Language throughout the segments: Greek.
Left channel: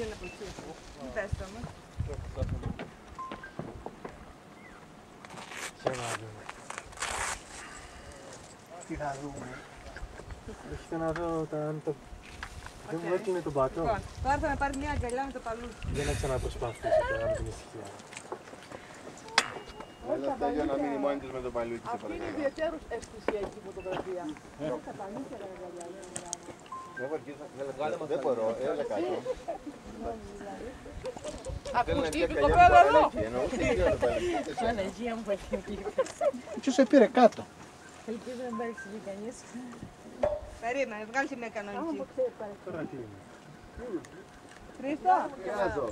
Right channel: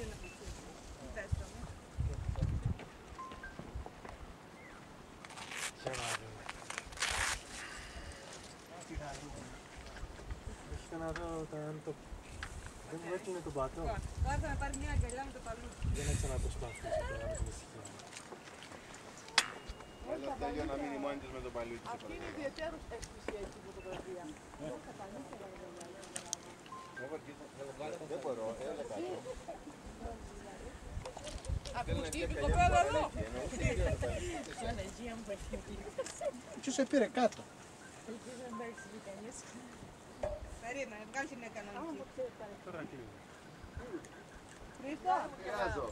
πήγαινε από εκεί. Τι πες το όμως. Για να δούμε. Τι θα δούμε. Έχετε να δω αν το... Δεν μου έκλεινε τον πατώ. Λοιπόν, τώρα θα με πάρει μια αγκαλιά με το παλούκι. Για να ξαναπροσπαθήσω τώρα με την ησυχία. Αλλά αυτά για να μείνει μόνη της με το παλούκι. Αυτή είναι ιδιαίτερως αισθησιακή φωτογραφία. Δεν μπορώ, έλα κάτω. Ακουστεί η κοπέλα εδώ. Αναγία μου έχει. Ποιος σε πήρε κάτω. Ελπίζω να μην παρεξηγεί κανείς. Περίμενε, βγάλει και μια κανονική. Τώρα κλείνει. Χρήστο, Κάτω.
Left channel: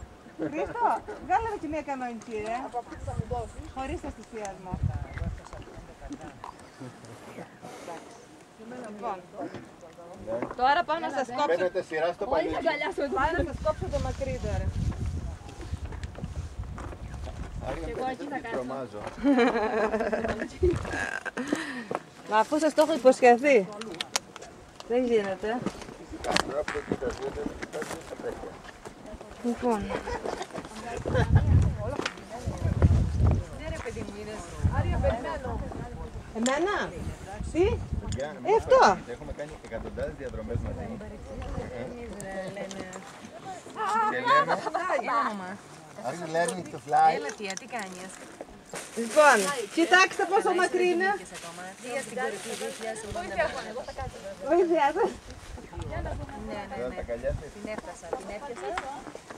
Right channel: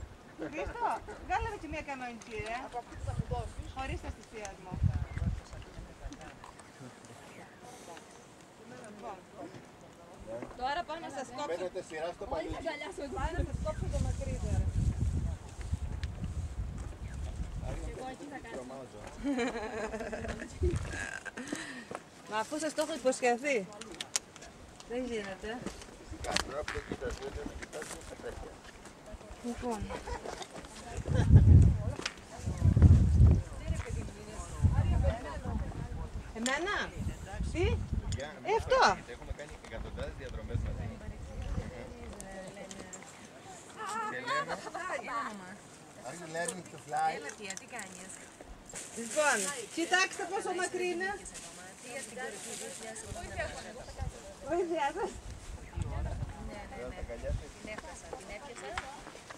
Χρήστο, βγάλε και μια κανονική, ρε. Από αυτή που θα μου δώσεις. Χωρίς το θυσιασμό. Λοιπόν, τώρα πάω να σας κόψω. Παίρνετε σειρά στο παλούκι. Πάω να σας κόψω το μακρύ τώρα. Εγώ εκεί θα κάτσω. Μα αφού σας το έχω υποσχεθεί. Δεν γίνεται. Λοιπόν. Ναι ρε παιδί μου, είδες. Άρια, περιμένω. Εμένα. Τι. Αυτό. Αυτό. Έχουμε κάνει εκατοντάδες διαδρομές μαζί. Και λέμε. Are you learning to fly? Έλα τι κάνεις. Λοιπόν, κοιτάξτε πόσο μακρύ είναι. Βοήθεια σας. Τώρα τα καλιά σας. Την έφτασα, την έπιασα.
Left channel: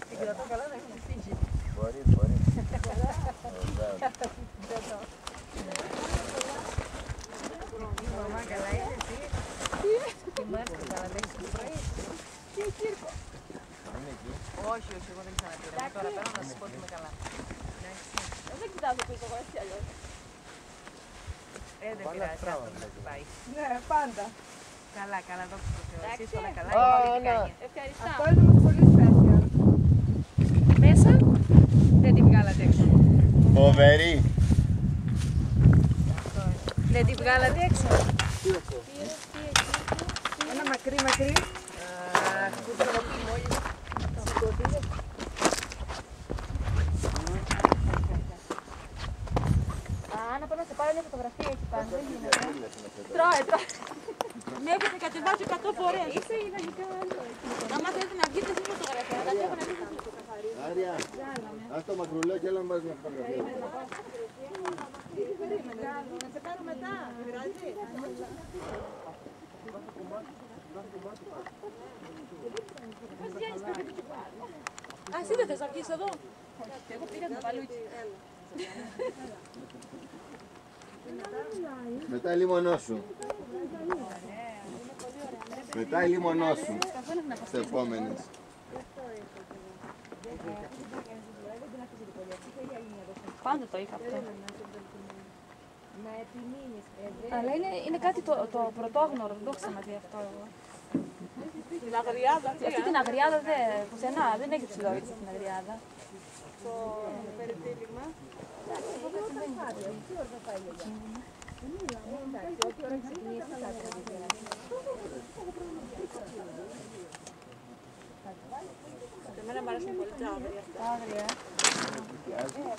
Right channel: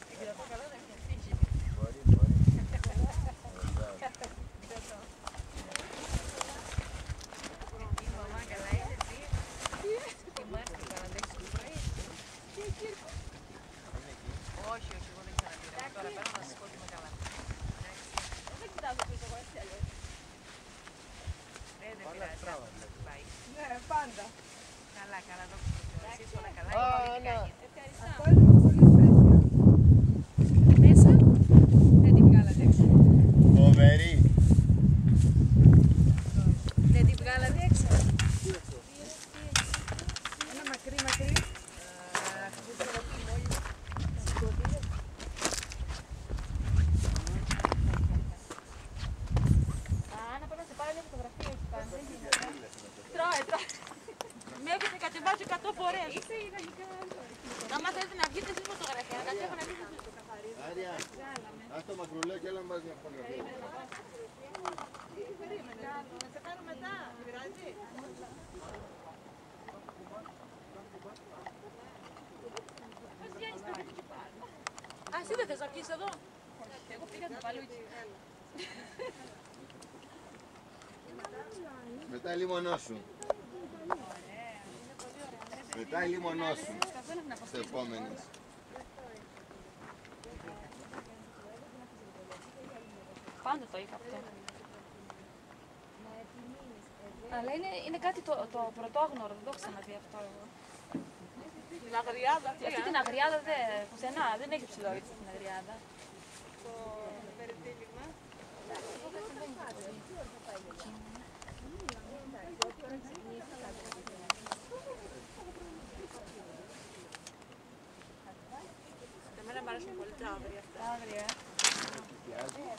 Την κρατώ καλά να έχει φύγει. Μπορεί, μπορεί. Η μαμά καλά είναι εσύ. Τι μάρκα καλά δεν έχεις πρωί. Είναι εκεί. Όχι, όχι, εγώ δεν ξαναπήρα. Τώρα παίρνω να σας πω ότι είμαι καλά. Δεν κοιτάζω πίσω εγώ έτσι αλλιώς. Δεν πειράζει, αυτό να χτυπάει. Ναι, πάντα. Καλά, καλά, δόξα τω Θεώ. Εσείς όλα καλά, Α, η μαμά τι ναι. κάνει. Ευχαριστώ. Αυτό είναι όμως πολύ special. Μέσα, δεν τη βγάλατε έξω. Φοβερή. Δεν τη βγάλατε έξω. Ένα μακρύ, μακρύ. Αχ, που το έχω πει μόλις. Να πάω να σε πάρω μια φωτογραφία εκεί πάνω. Δεν γίνεται. Τρώε. Με έχετε κατεβάσει 100 φορές. Είσαι ιδανικά. Άμα θέλετε να βγείτε στη φωτογραφία, να τα έχω να βγείτε στο καθαρίζω. Άρια, ας το μακρουλό και έλα να πάρεις μια φωτογραφία. Περίμενε, να σε πάρω μετά. Πειράζει. Α, εσύ δεν θες να βγεις εδώ. Εγώ πήγα το παλούκι. Μετά λίμωνό σου. Μετά λίμωνό σου. Στις επόμενες. Πάντα το είχα αυτό. Αλλά είναι κάτι το πρωτόγνωρο, δεν το έχω ξαναδεί αυτό εγώ. Την αγριάδα. Αυτή την αγριάδα πουθενά, δεν έχει ψηλόβιτση την αγριάδα. Το περιτύλιγμα. Και εμένα μου αρέσουν πολύ τα άγρια αυτά.